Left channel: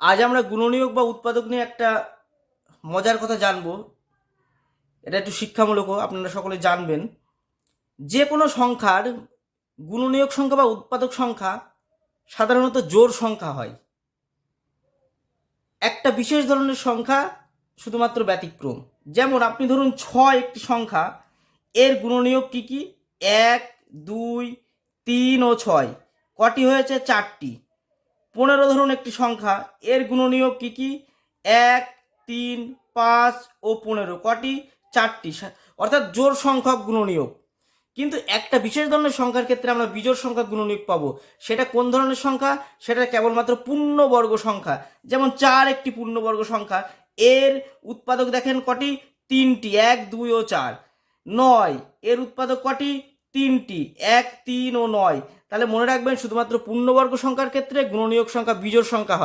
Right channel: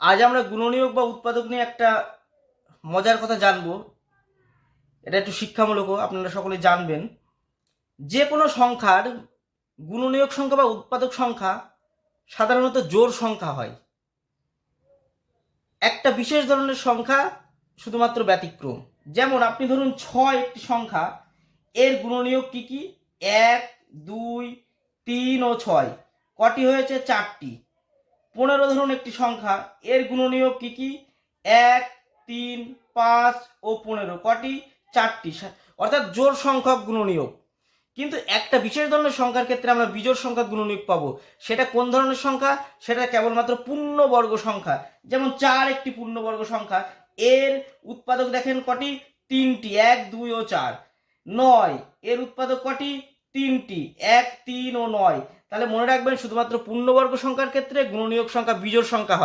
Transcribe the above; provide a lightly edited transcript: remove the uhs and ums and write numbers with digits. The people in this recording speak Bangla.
আজ আমরা গুণনীয়ক বা উৎপাদক নিয়ে একটা মজার কথা জানবো। এটা একটু শিক্ষামূলকও, আপনারা সকলে জানবেন। যে কোনো সংখ্যার গুণনীয়ক সংখ্যা বা উৎপাদক সংখ্যা সাধারণত জোড় সংখ্যা হয়। একটা বিশেষ ধরনের সংখ্যা শুধুমাত্র ব্যতিক্রম। যেমন আপনি ধরুন 6 একটি সংখ্যা, এর গুণনীয়ক কি কি? 1, 2, 3 ও 6। কটি হয়েছে? 4টি। 15 ধরুন একটি সংখ্যা, এর গুণনীয়ক কি কি? 1, 3, 5 ও 15। কটি? 4টি। অর্থাৎ জোড় সংখ্যক গুণনীয়ক। কিন্তু একটা বিশেষ ধরনের সংখ্যার ক্ষেত্রে আমরা বিজোড় সংখ্যা গুণনীয়ক পাবো। সেটা কোন ধরনের সংখ্যা? সেটা কেবলমাত্র পূর্ণবর্গ সংখ্যা। যেমন 4 একটি পূর্ণবর্গ সংখ্যা, এর উৎপাদক দেখেন কটি? 3টি, 1, 2 ও 4। 9, এর উৎপাদক কটি? 3টি, 1, 3 ও 9। তাহলে মনে রাখবেন, শুধুমাত্র পূর্ণবর্গ সংখ্যার ক্ষেত্রে গুণনীয়ক সংখ্যা বিজোড় সংখ্যা হয়।